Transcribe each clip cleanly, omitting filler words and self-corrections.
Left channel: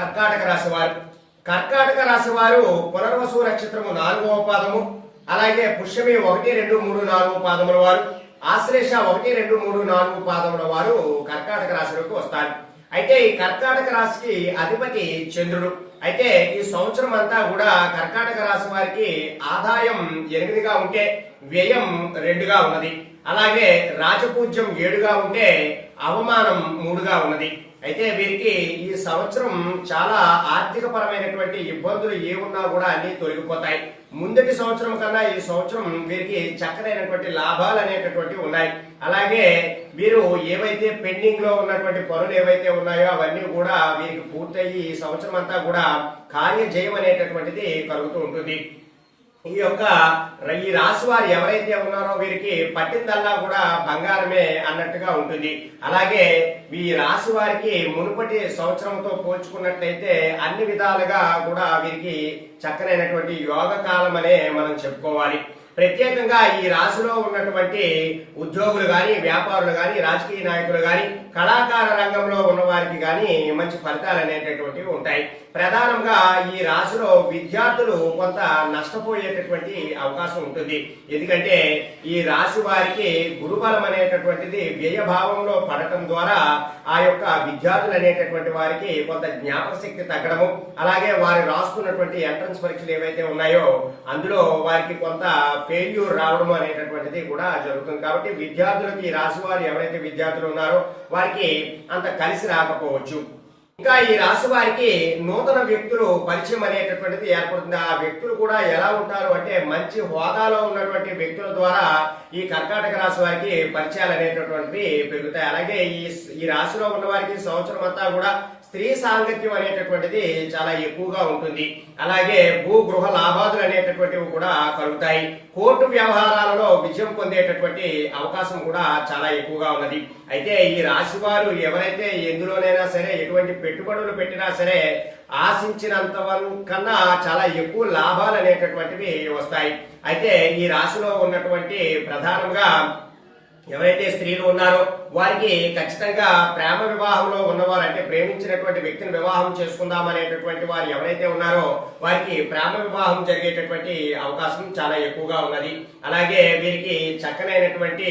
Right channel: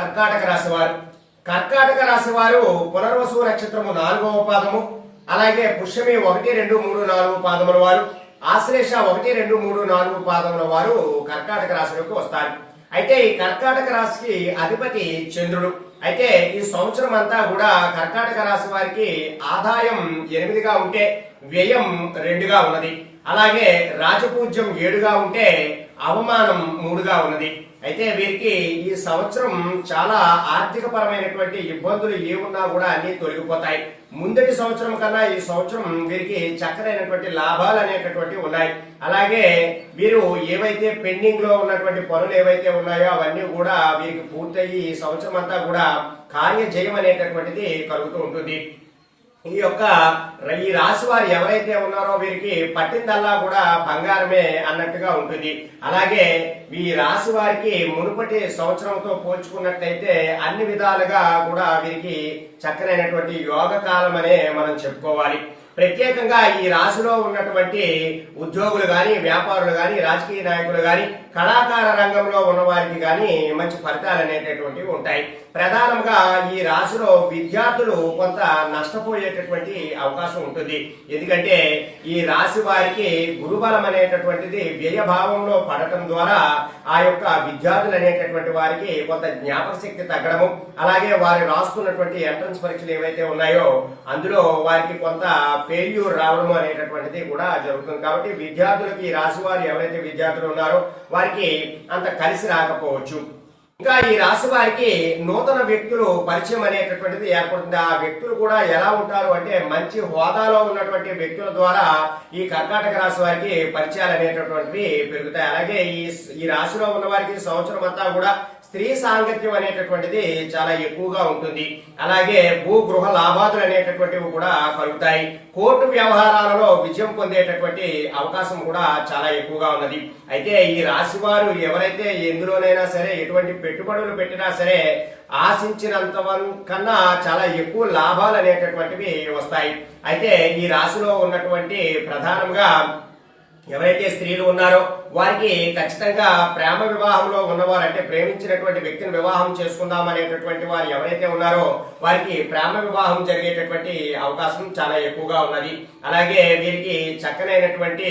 కర్కాటక రాశి వారు. కర్కాటక రాశి వారు పునర్వసు నక్షత్రము 4వ పాదము, అలాగే పుష్యమి 1, 2, 3, 4 పాదముల వారు, ఆశ్లేష 1, 2, 3, 4 పాదముల వారు కర్కాటక రాశిలోకి వస్తారు. అయితే ఈ కర్కాటక రాశికి అధిపతి చంద్రుడు. అయితే ఈ సంవత్సరం అంతా కూడా కర్కాటక రాశి వారికి ఆదాయం 8గా ఉంటే వ్యయం 2గా ఉన్నది. అలాగే రాజపూజ్యం 7గా ఉంటే అవమానం 3గా ఉన్నది. అయితే వీరికి ఈ సంవత్సరం చాలా ఆర్థిక పరమైనటువంటి ఇబ్బందులు ఏమున్నా కూడా అన్ని తొలగిపోతాయి. ముందటి సంవత్సరం కన్నా ఈ సంవత్సరం వీరికి చక్కనైనటువంటి లాభాలు అనేటటువంటివి ఉన్నాయి. అలాగే వీరు ఏవైతే పెండింగ్ లో ఉన్నటువంటి పనులు ఏవైతే ఉన్నాయో అవన్నీ కూడా వీరికి పూర్తయి ఈ సంవత్సరం అంతా కూడా కార్యజయం అనేటటువంటిది కలుగుతూ ఉంటుంది. ఈ రాశి వారు ఎవరైతే ఉన్నారో వీరికి పట్టిందల్లా కూడా బంగారమే అన్నట్టుగా ఉంటుంది. అలాగే ఈ రాశి వారికి మునుపటి సంవత్సరంతో పోల్చుకున్నట్లయితే అన్ని విధాలుగా కూడా వీరికి చక్కనైనటువంటి యోగ కాలం అనే మనం చెప్పుకోవాలి. ప్రత్యేకంగా ఈ రాశిలో ఉన్నటువంటి ఉద్యోగులు గాని, వ్యాపారులు గాని, రాజకీయ నాయకులు గాని, కళాకార రంగంలో ఉన్న వారికి గాని మంచి ఫలితాలు అనేటటువంటివి ఉంటాయి. ప్రధానంగా ఈ రాశిలో విద్యార్థులు కొంత నష్టపోయేటటువంటి అవకాశం ఉంటుంది. ఎందుకంటే ఈ రాశి వారికి గురుబలం అనేటటువంటిది వ్యయభావంలో పడటం ద్వారా ఆ యొక్క విద్యార్థులు అనేటటువంటి వారికి కొంత జ్ఞాపక శక్తి తగ్గడము, అలాగే వారు రాస్తున్నటువంటి ఎంట్రన్స్ పరీక్షలు ఏవైతే ఉన్నాయో అందులో వారికి కొంత ఫెయిల్యూర్ రావడం అనేటటువంటిది కూడా జరుగుతుంది. కాబట్టి విద్యార్థులకి ఈ రాశి వారు ఎవరైతే విద్యార్థులు ఉన్నారో వారికి అంత కలిసి రాకపోవచ్చు. ఇంకా ఈ రాశి వారికి నూతన వ్యక్తులు పరిచయం అనేటటువంటిది ఏర్పడుతుంది. ఆ వ్యక్తులు కూడా ఎలా ఉంటారు అంటే మంచి హోదాలో ఉన్నటువంటి వ్యక్తుల ద్వారా ఈ కర్కాటక రాశి వారికి పరిచయాలు అనేటటువంటివి పెరుగుతాయి. అలాగే ఈ రాశిలో ఉన్న వారికి సంవత్సరం అంతా కూడా స్త్రీ సాంగత్యం అనేటటువంటిది చాలా ఎక్కువగా ఉంటుంది. అలాగే భూ గృహ లాభాదులు అనేటటువంటివి కూడా కలుగుతాయి. కోర్టు వ్యవహారాలలో విజయం పొందేటటువంటి అవకాశం కూడా చాలా ఎక్కువగా ఉన్నది. అయితే ఈ రాశి వారు ఎవరైతే ఎందులోనైనా సరే ఎటువంటి పెట్టుబడులు పెట్టినా సరే ఆశించినంత కన్నా చాలా ఎక్కువ లాభాలు అనేటటువంటివి వస్తాయి. అయితే ఈ రాశిలో ఉన్నటువంటి ప్రధానంగా ఎవరైతే స్త్రీలు ఉన్నారో వారికి ఖచ్చితంగా ప్రేమ వివాహంలో ఉన్నవారు, అంటే ప్రేమించినటువంటి వ్యక్తిని వివాహం చేసుకుందాం అనేటటువంటి వారు ఎవరైతే ఉన్నారో వారికి ప్రేమ వివాహం జరిగేటటువంటి అవకాశం చాలా ఎక్కువగా ఉన్నది. అలాగే వీరికి చక్కనైనటువంటి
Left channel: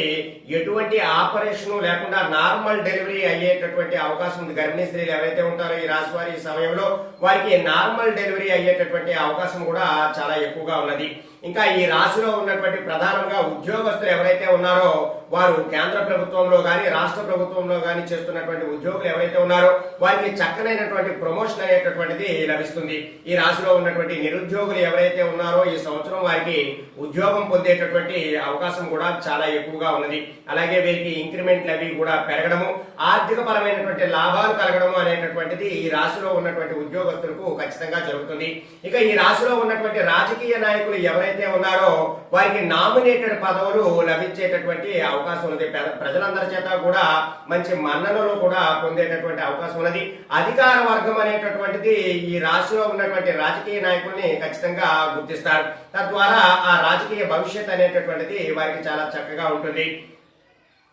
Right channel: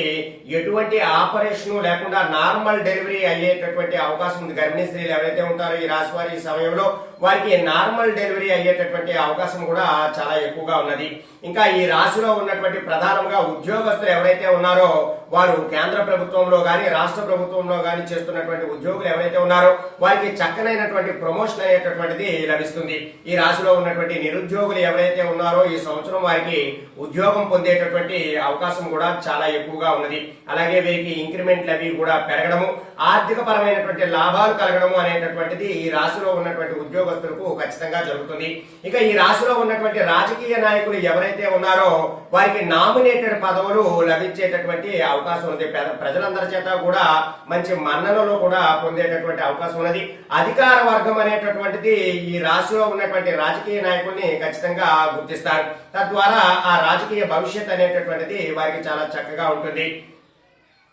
ఎటువంటి ఆపరేషన్ లేకుండా నార్మల్ డెలివరీ అయ్యేటటువంటి అవకాశం ఉంది. గర్భిణీ స్త్రీలు ఎవరైతే ఉంటారో ఈ రాశి వారి సమయంలో వారికి నార్మల్ డెలివరీ అయ్యేటటువంటి అవకాశం కూడా చాలా ఎక్కువగా ఉన్నది. ఇంకా ఈ రాశిలో ఉన్నటువంటి ప్రధానంగా ఉద్యోగస్తులు ఎవరైతే ఉన్నారో వారు కేంద్ర ప్రభుత్వంలో గాని, రాష్ట్ర ప్రభుత్వంలో గాని చేస్తున్నటువంటి ఉద్యోగులు ఎవరైతే ఉన్నారో వారికి చక్కనైనటువంటి ప్రమోషన్ అయ్యేటటువంటిది లభిస్తుంది. ఈ రాశిలో ఉన్నటువంటి నిరుద్యోగులు ఎవరైతే ఉన్నారో ఈ సంవత్సరం వారికి ఉద్యోగం పొందేటటువంటి అవకాశం కూడా చాలా ఎక్కువగా ఉన్నది. అలాగే వీరికి ఇంక్రిమెంట్లు అవి కూడా పెరగడము, ఆర్థిక పరమైనటువంటి లాభాలు కలగడము అనేటటువంటిది ఈ రాశిలో ఉన్నటువంటి ఉద్యోగస్తులకు ఖచ్చితంగా జరుగుతుంది. ఇక ఈ రాశిలో ఉన్నటువంటి రాజకీయ నాయకులు ఎవరైతే ఉన్నారో వారికి నామినేటెడ్ పదవులు లభించేటటువంటి అవకాశం ఉన్నది. ప్రజలందరి చేత కూడా మంచి మన్ననలు కూడా పొందేటటువంటి అవకాశం ఉన్నది. అధికార వర్గం అనేటటువంటిది ఈ రాశిలో ఉన్నటువంటి రాజకీయ నాయకుల్ని ఖచ్చితంగా గుర్తిస్తారు. తద్వారా ఆ రాజకీయ భవిష్యత్ అనేటటువంటిది వారికి చాలా చక్కగా ఉంటుంది.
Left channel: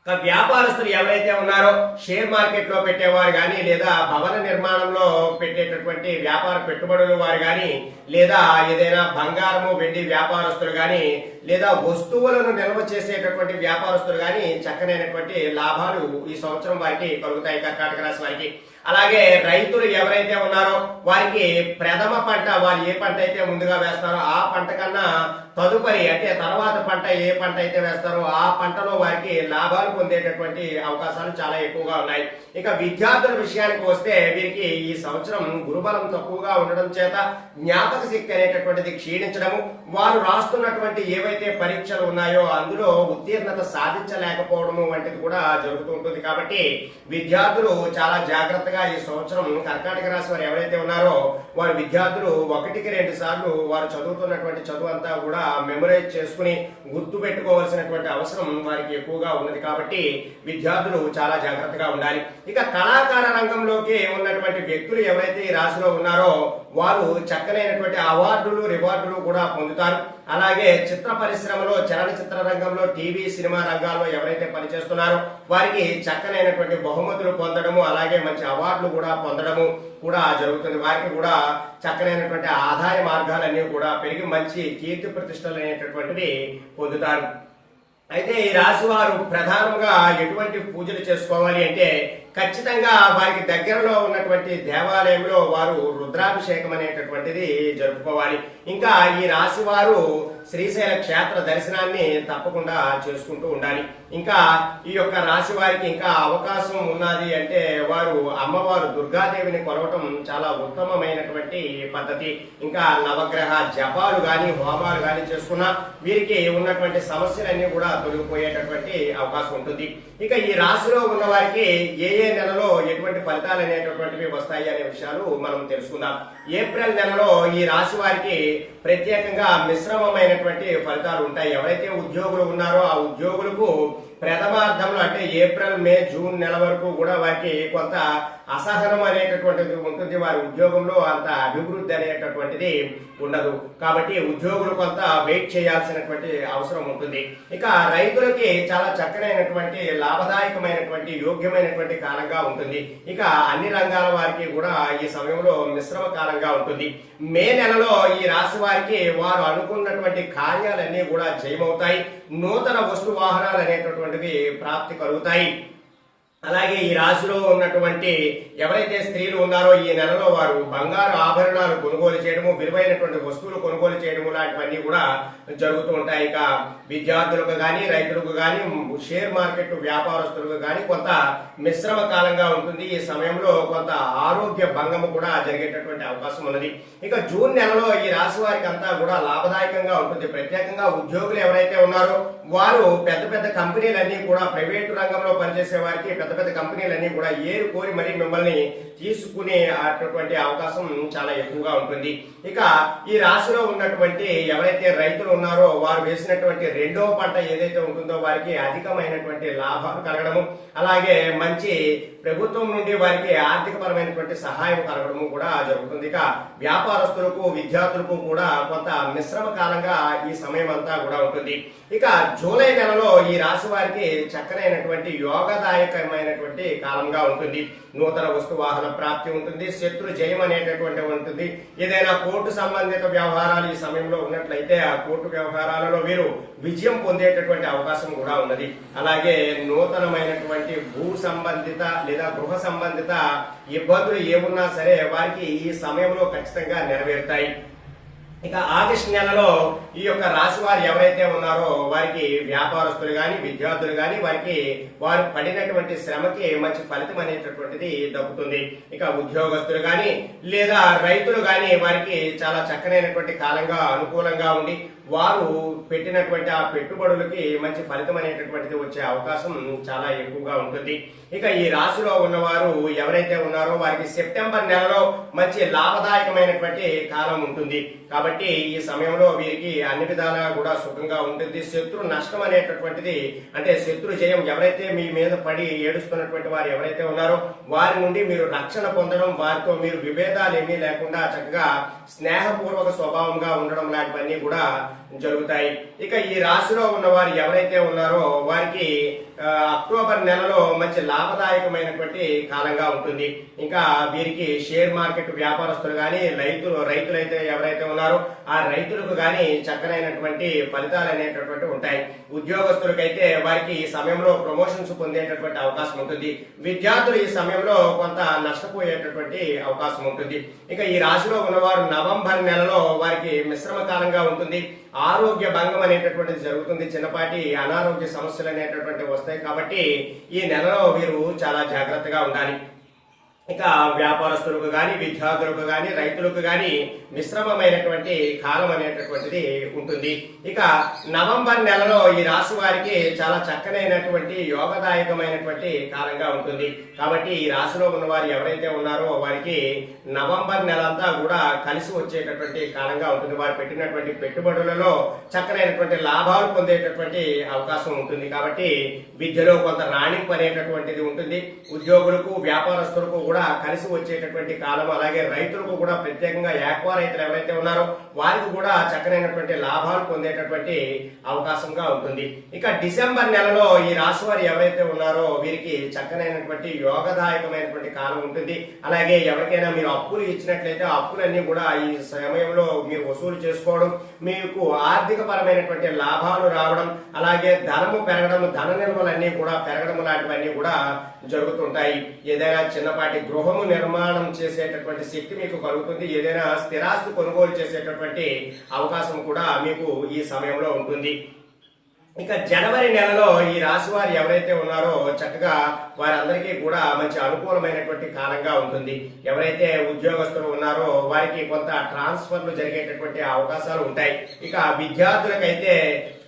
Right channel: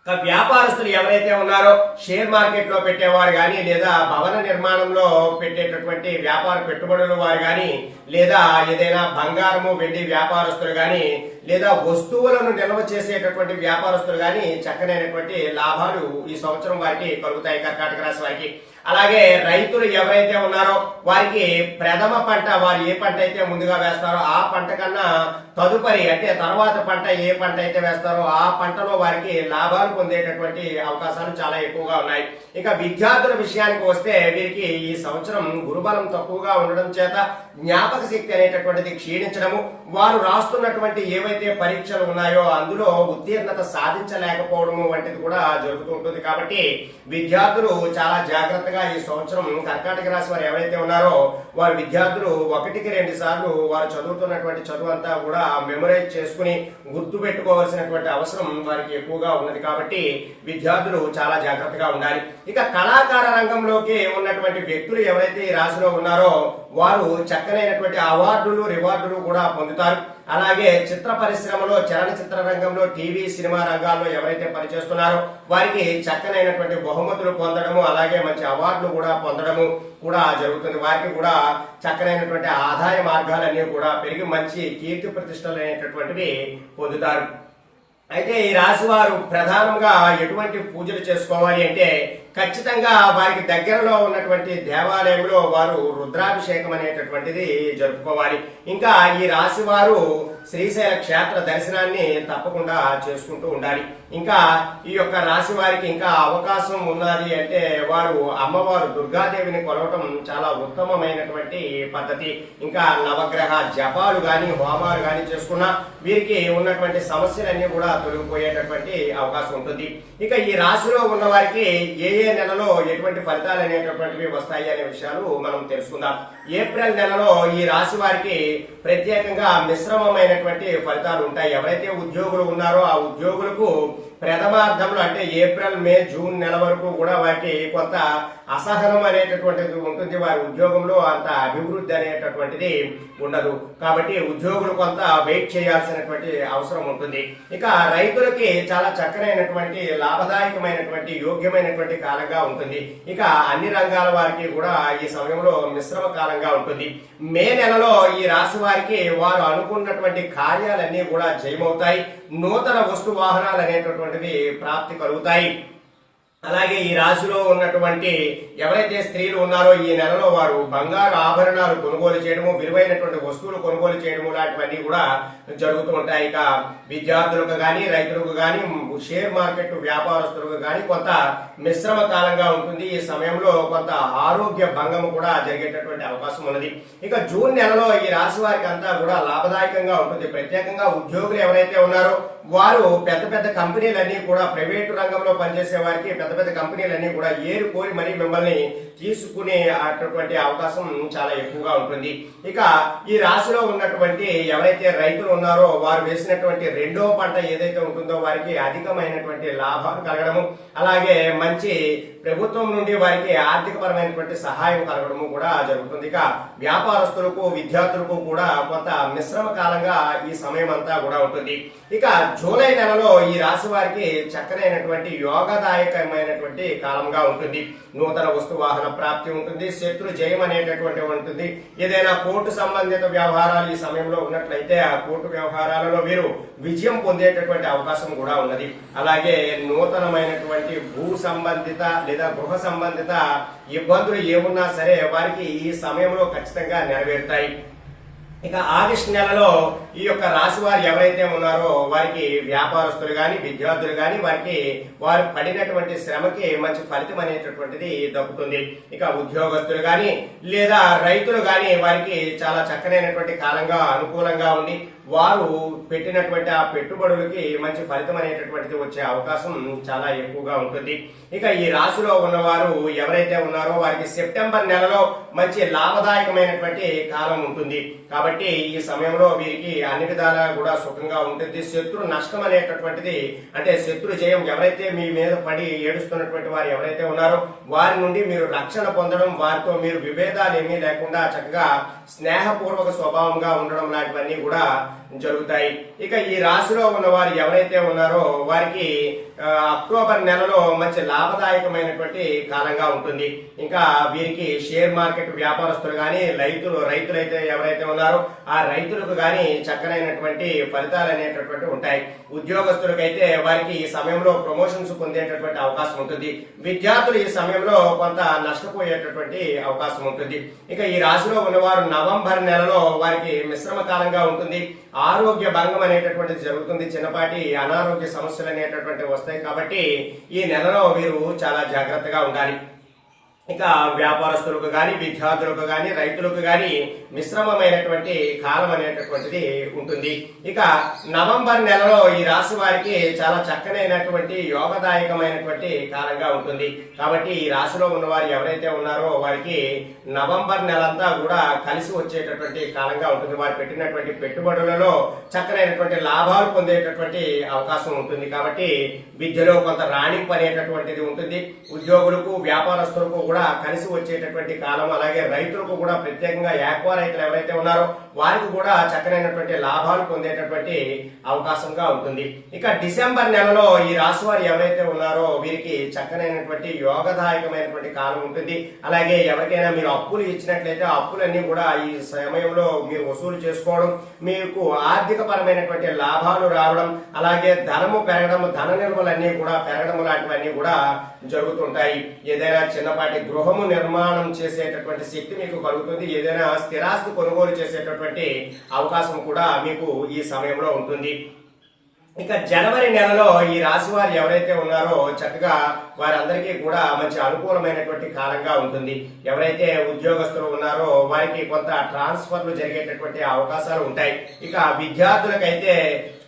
వ్యాపారస్తులు ఎవరైతే ఉన్నారో షేర్ మార్కెట్ లో పెట్టేవారు గాని, లేదా భవన నిర్మాణంలో పెట్టేటటువంటి వ్యాపార పెట్టుబడులు వారు గాని, లేదా ఏదైనా బంగారము వెండి వ్యాపారస్తులు గాని, లేదా వస్తువులను నిల్వ చేసేటటువంటి వ్యాపారస్తులు గాని చక్కనైనటువంటి లాభాలు ఈ సంవత్సరం వారికి కలుగుతాయి కర్కాటక రాశి వారికి. అలాగే రైతులు ఎవరైతే ఉన్నారో వారికి ప్రథమ పంట, వారు ఏ పంట అయితే ముందుగా వేస్తారో ఆ పంట కన్నా తదుపరి అంటే తర్వాత పంట ఏ పంట అయితే వేస్తారో ఆ పంటలో వారికి లాభాలు పొందేటటువంటి అవకాశాలు చాలా ఎక్కువగా ఉన్నాయి. ఇక విద్యార్థుల విషయానికి వస్తే వీరికి ఈ సంవత్సరం గురుబలం తక్కువగా ఉండడం చేత జ్ఞాపక శక్తి అనేటటువంటిది క్షీణించడము, వారు రాస్తున్నటువంటి ఏవైతే పరీక్షలు ఉన్నాయో అందులో ఉత్తీర్ణత సాధించలేకపోవడము వంటిది కూడా జరుగుతూ ఉంటుంది. కాబట్టి విద్యార్థులు చాలా జాగ్రత్తగా ఈ సంవత్సరం కర్కాటక రాశి వారు ఎవరైతే ఉన్నారో వారు విద్యార్థులు 1-2 సార్లు వారు చదువుతున్నటువంటి చదువు అంతా కూడా మెమరైజ్ చేసుకుని గుర్తు పెట్టుకోవాల్సినటువంటి అవసరం వారికి ఎక్కువగా ఉన్నది. కాబట్టి విద్యార్థులు చాలా జాగ్రత్తగా ఉండాలి. ఇక కళాకార రంగంలోకి ఉన్నటువంటి వ్యక్తులు ఎవరైతే ఈ రాశిలో ఉన్నారో వారు చక్కనైనటువంటి అవార్డులు, రివార్డులు కూడా పొందుతారు. అలాగే చిత్ర పరిశ్రమలో, చలనచిత్ర రంగంలో, టీవీ సినిమా రంగాల్లో ఎవరైతే పనిచేస్తున్నారో వారికి చక్కనైనటువంటి బహుమతులు పొందడము, అలాగే మంచి అవార్డులు కూడా పొందడము కూడా జరుగుతుంది. వారికి కూడా చక్కనైనటువంటి ఆదాయ మార్గాలన్నీ కూడా పెరిగి మంచి కీర్తి ప్రతిష్టలు అనేటటువంటివి పొందుతారు. అయితే ఈ రాశి వారు ప్రధానంగా ఎటువంటి పూజలు చేసుకోవాలి అంటే ఖచ్చితంగా వారికి దగ్గరలో ఉన్నటువంటి దేవాలయంలో వారు రుద్రాభిషేకం అనేటటువంటిది జరుపుకోవాలి. ఇంకా ఈ రాశి వారు శ్రీశైల క్షేత్ర దర్శనాన్ని తప్పకుండా చేసుకుంటూ ఉండాలి. ఇంకా ఈ యొక్క రాశి వారికి ఇంకా అవకాశం ఉన్నది అంటే వారు అమ్మవారు దుర్గాదేవిని కొలవటం చాలా ఉత్తమమైనటువంటి పద్ధతి. ఇంకా నవగ్రహ జపాలు గాని, హోమాలు గాని చేసుకున్నా వీరికి ఉన్నటువంటి సమస్యలన్నీ కూడా తొలగిపోయేటటువంటి అవకాశం ఉంటుంది. ఇక ఈ రాశిలో ఉన్న వారికి ఏ నెలలో ఎటువంటి ఫలితాలు అనేటటువంటివి వస్తాయి అనే విషయాలు మనం తెలుసుకుందాం. ఏప్రిల్ నెలలో ఈ రాశి వారికి ప్రత్యేకంగా మిశ్రమమైనటువంటి ఫలితాలు ఉంటాయి. ఎవరైతే ఉద్యోగులు ఉన్నారో ఆ ఉద్యోగులకు ప్రథమార్థంలో అంటే ఏప్రిల్, మే, జూన్ నెల వరకు కూడా వారికి కొంత అసహనం అనేటటువంటిది ఉంటుంది. వారి ఉద్యోగంలో అంత అభివృద్ధి అనేటటువంటిది ఉండదు. కాబట్టి ఉద్యోగులు కొంత వెయిట్ చేయాల్సినటువంటి అవసరం ఉంటుంది. ఇక రైతులకి చాలా చక్కనైనటువంటి లాభదాయకమైనటువంటి యోగ్యమైనటువంటి కాలంగా ఉంటుంది. ఇక అన్ని రంగాల వారికి కూడా ఈ సమయంలో మిశ్రమ కాలంగా ఉంటుంది. మే నెలలో ఈ రాశి వారికి వారు అనుకున్నటువంటి కార్యాలన్నీ కూడా జయమవుతాయి. నూతన వస్తు వాహనాలు అనేటటువంటివి ప్రాప్తి కలుగుతాయి. అలాగే ఈ రాశిలో ఉన్నటువంటి ఎవరైతే స్త్రీలు ఉన్నారో ఈ నెలలో వారు బంగారు ఆభరణాలు కొనుగోలు చేయడము, విలువైనటువంటి వస్తువులు కొనుగోలు చేయడము లాంటివన్నీ కూడా జరుగుతూ ఉంటాయి. ఇక విద్యార్థులకు గాని, రైతులకు గాని, షేర్ మార్కెట్ వ్యాపారస్తులకు గాని కొంత మిశ్రమ కాలంగా ఉంటుంది. ఈ సమయంలో కొంత ఆరోగ్య భంగము కూడా జరిగేటటువంటి అవకాశం ఉన్నది. ఇక జూన్ నెలలో ఈ రాశి వారికి అంతా కూడా లాభదాయకంగా ఉంటుంది. ప్రత్యేకంగా ఉద్యోగులు ఎవరైతే ఉన్నారో వారు పెద్ద పెద్ద కంపెనీలన్నీ కూడా, ప్రైవేటు రంగంలో పనిచేసే వారికి పెద్ద పెద్ద కంపెనీలన్నీ కూడా ఏరు కోరి మరీ మిమ్మల్ని తీసుకునే అటువంటి అవకాశం చాలా ఎక్కువగా ఉంటుంది. ఇక ఈ రాశిలో ఉన్నటువంటి ఎవరైతే రైతులు ఉన్నారో వారు వేసినటువంటి రెండో పంట ఏదైతే ఉంటుందో వారికి అధికమైనటువంటి లాభాలు కలగడము, అలాగే మంచి ప్రభుత్వం నుండి వారికి ఆర్థిక పరమైనటువంటి సహాయం కలగడము కూడా జరుగుతుంది. ఇక వ్యాపారస్తులకు, విద్యార్థులకు కూడా కొంత మిశ్రమ కాలంగా ఈ సమయం అంతా కూడా ఉంటుంది. ఇక జూలై నెలలో ఈ రాశి వారికి చక్కనైనటువంటి యోగదాయకమైనటువంటి కాలంగా ఉంటుంది. నూతన వస్తు వాహన ప్రాప్తి ఉంటుంది. శత్రు జయం అనేటటువంటి ఉంటుంది. ఏదైనా కోర్టు సంబంధిత వ్యవహారాలు ఈ సమయంలో ఉన్నట్లయితే ఆ కోర్టు వ్యవహారాలలో వీరు విజయం పొందేటటువంటి అవకాశం కూడా ఉన్నది. అలాగే నూతనమైనటువంటి భూ సంబంధిత లేదా గృహ సంబంధిత ఇబ్బందులు ఏమున్నా సరే వారికి ఈ సమయంలో ఖచ్చితంగా నెరవేరుతాయి. ఇక ఆగస్టు నెలలో ఈ యొక్క రాశి వారు ఎవరైతే ఉన్నారో వారికి వ్యాపారస్తులు గాని, విద్యార్థులు గాని వారికి వారు పడినటువంటి శ్రమకి మంచి ఫలితం అనేటటువంటిది దక్కుతుంది. ఇక ఉద్యోగస్తులు గాని లేదా రైతులు గాని వారికి చాలా చక్కనైనటువంటి కాలంగా అనుకూలంగా ఉండి వారు పెట్టినటువంటి ఆ పెట్టుబడులకి మంచి ఫలితం అనేటటువంటిది వచ్చే అవకాశం చాలా ఎక్కువగా ఉంటుంది. ఇక ఈ రాశిలో ఉన్నవారు ఎవరైతే ఉన్నారో వారికి సెప్టెంబర్ నెలలో మంచి లాభదాయకమైనటువంటి కాలం ఉంటుంది. కాబట్టి ఈ సమయంలో వీరికి అన్ని విధాలా కూడా సుఖంగా ఉంటుంది. శత్రు నష్టం అనేటటువంటిది అంటే శత్రు జయం, ఎవరైతే మీ మీద పడి ఏడుస్తున్నటువంటి వారు ఎవరైతే ఉన్నారో వారి నుండి మీరు రక్షణ పొందడం, వారితో మీరు విభేదాలు ఏమీ లేకుండా చక్కగా స్నేహపూర్వక స్వభావంగా ఉండడం లాంటివన్నీ కూడా జరుగుతాయి. ఇక ఈ రాశిలో ఉన్న వారు ఎవరైతే ఉన్నారో వారికి అక్టోబర్ నెలలో మంచి లాభదాయకమైనటువంటి కాలంగా ఉంటుంది. ఇంకా వీరికి షేర్ మార్కెట్ వ్యాపారస్తులు గాని, రైతులైతే ఎవరైతే ఉన్నారో ఆ రైతులకు గాని చక్కనైనటువంటి ఫలితాలు అనేటటువంటి ఉంటాయి. ఉద్యోగస్తులకైతే వారికి ఈ సమయంలో ప్రమోషన్స్ పొందేటటువంటి అవకాశం ఉంటుంది. విద్యార్థులు ఈ సమయంలో కొంత నష్టపోయేటటువంటి అవకాశం ఉంటుంది. ఇక ఈ రాశిలో ఉన్నవారు నవంబర్ నెలలో వారికి మిశ్రమ కాలంగా ఉంటుంది. ఆరోగ్య భంగం అనేటటువంటిది జరుగుతుంది. చిన్నపాటి అనారోగ్య సమస్యలు అనేటటువంటి వస్తాయి. కాబట్టి ఈ నెలలో వీరు చాలా జాగ్రత్తగా ఉండాలి. ఇక వ్యాపారస్తులకు గాని, విద్యార్థులకు గాని, రైతులకు గాని మిశ్రమమైనటువంటి కాలం అనేటటువంటిది ఉంటుంది. ఇక నవంబర్ నెలలో ఈ రాశి వారికి చాలా చక్కనైనటువంటి యోగదాయకమైనటువంటి కాలంగా ఉంటుంది. కాబట్టి ఈ రాశిలో ఉన్న వారు ఎవరైతే ఉన్నారో వారికి నవంబర్ నెలంతా కూడా కలిసి వచ్చేటటువంటి కాలంగా ఉంటుంది. వారు పెట్టినటువంటి పెట్టుబడులలో చక్కనైనటువంటి లాభాలు పొందేటటువంటి అవకాశం ఉంటుంది. కాబట్టి విద్యలో కొంత రాణింపు అనేటటువంటిది ఉంటుంది. ఉద్యోగులకు, వ్యాపారస్తులకు కూడా కలిసి వచ్చేటటువంటి కాలం. అలాగే రైతులకు కూడా ప్రత్యేకంగా యాక్వా రైతులు ఎవరైతే ఉన్నారో వారికి కూడా చక్కనైనటువంటి లాభాలు పొందేటటువంటి అవకాశంగా ఉంటుంది. ఇక డిసెంబర్ నెలలో ఈ రాశి వారు ఎవరైతే ఉన్నారో వీరికి చక్కనైనటువంటి యోగదాయకమైనటువంటి కాలం ఉంటుంది. అలాగే ఎవరికైనా మీరు అప్పులు ఇచ్చినట్లయితే ఆ అప్పులన్నీ కూడా ఈ సమయంలో మీరు వసూలు చేసుకోవడం, మీకు ఆర్థిక పరమైనటువంటి లాభాలు రావడం, అలాగే ధనము పెరగడం, ధన నిల్వలన్నీ కూడా పెరగడం లాంటివన్నీ కూడా జరుగుతుంటాయి. ఏదైనా చిన్నపాటి గృహము నిర్మాణం చేసేటటువంటి శక్తి మీకు కలుగుతుంది. ఏదైనా స్థిరాస్తి కొనుగోలు చేసేటటువంటి అవకాశం కూడా మీకు ఈ సమయంలో ఉంటుంది. ఇక జనవరి నెలలో ఈ రాశి వారు ఎవరైతే ఉన్నారో చక్కగా వారందరికీ కూడా మంచి అనుకూలమైనటువంటి కాలంగా ఉంటుంది. ఎవరైతే ఉద్యోగస్తులు ఉన్నారో వారికి కొంత ట్రాన్స్ఫర్లు జరిగేటటువంటి అవకాశాలు ఉంటాయి. ఇక విద్యార్థులకైతే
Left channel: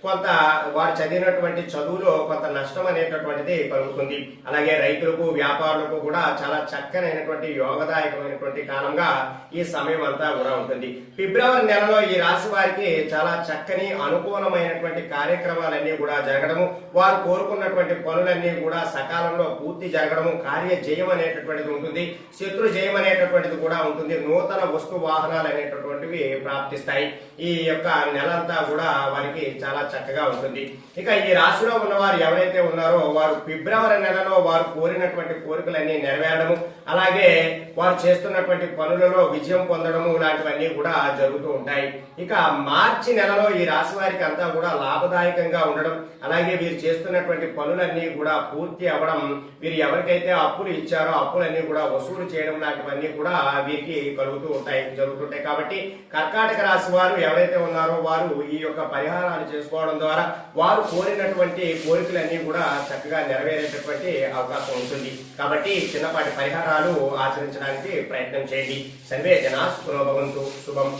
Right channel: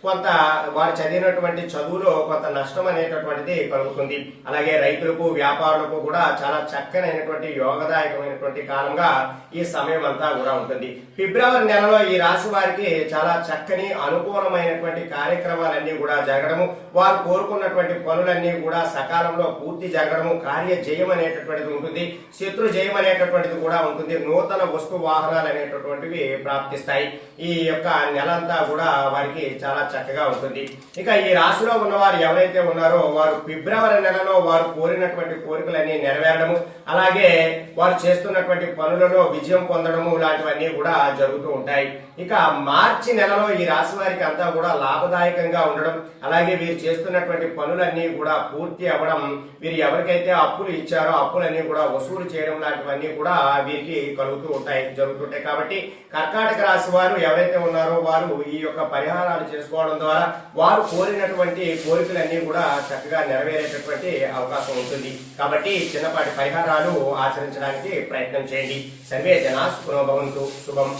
కొంత వారు చదివినటువంటి చదువులో కొంత నష్టం అనేటటువంటిది కలుగుతుంది. అలాగే రైతులకు, వ్యాపారులకు కూడా చాలా చక్కనైనటువంటి యోగదాయకమైనటువంటి కాలంగా ఈ సమయం అంతా కూడా ఉంటుంది. ఫిబ్రవరి నెలలో ఈ రాశి వారికి చాలా చక్కని అనుకూలమైనటువంటి కార్యక్రమాలన్నీ కూడా జరగడము, వారు కోరుకున్నటువంటి పనులన్నీ కూడా సకాలంలో పూర్తి జరగడము, కార్య జయం అనేటటువంటిది ఉంటుంది, శత్రు జయం అనేటటువంటిది కూడా ఉంటుంది, నూతన వస్తు వాహనాలు అనేటటువంటివి ప్రాప్తిస్తాయి. ఈ యొక్క నెలంతా కూడా వారికి చాలా చక్కగా ఉంటుంది. ఇక ఈ రాశిలో ఉన్నవారు ఎవరైతే ఉన్నారో వారు ఫిబ్రవరి నెలలో వారు కోరినటువంటి కోరికలన్నీ నెరవేరడము, అలాగే వారు చేస్తున్నటువంటి పనులలో విజయం పొందడము లాంటివన్నీ కూడా జరుగుతూ ఉంటాయి. ఇక మార్చి నెలలో ఈ రాశి వారికి అంతా కూడా లాభదాయకంగా ఉండడం, అలాగే వీరు చేస్తున్నటువంటి పనులన్నీ కూడా పూర్తి అవ్వడం, వీరు ఎవరికైతే అప్పులు ఇచ్చారో అప్పులన్నీ కూడా వసూలు చేయడం లాంటివన్నీ కూడా వీరికి జరుగుతుంటాయి. కాబట్టి కర్కాటక రాశి వారు ఎవరైతే ఉన్నారో వారు ఈ యొక్క పరిహారాలు చేసుకోవడం ద్వారా వారు కోరినటువంటి కోరికలన్నీ కూడా చక్కగా నెరవేరేటటువంటి అవకాశం ఉంటుంది. కాబట్టి చిన్నపాటి పరిహారాలు ఆచరించడానికి ప్రయత్నం చేయండి. సర్వే జనా సుఖినో భవంతు. శుభం.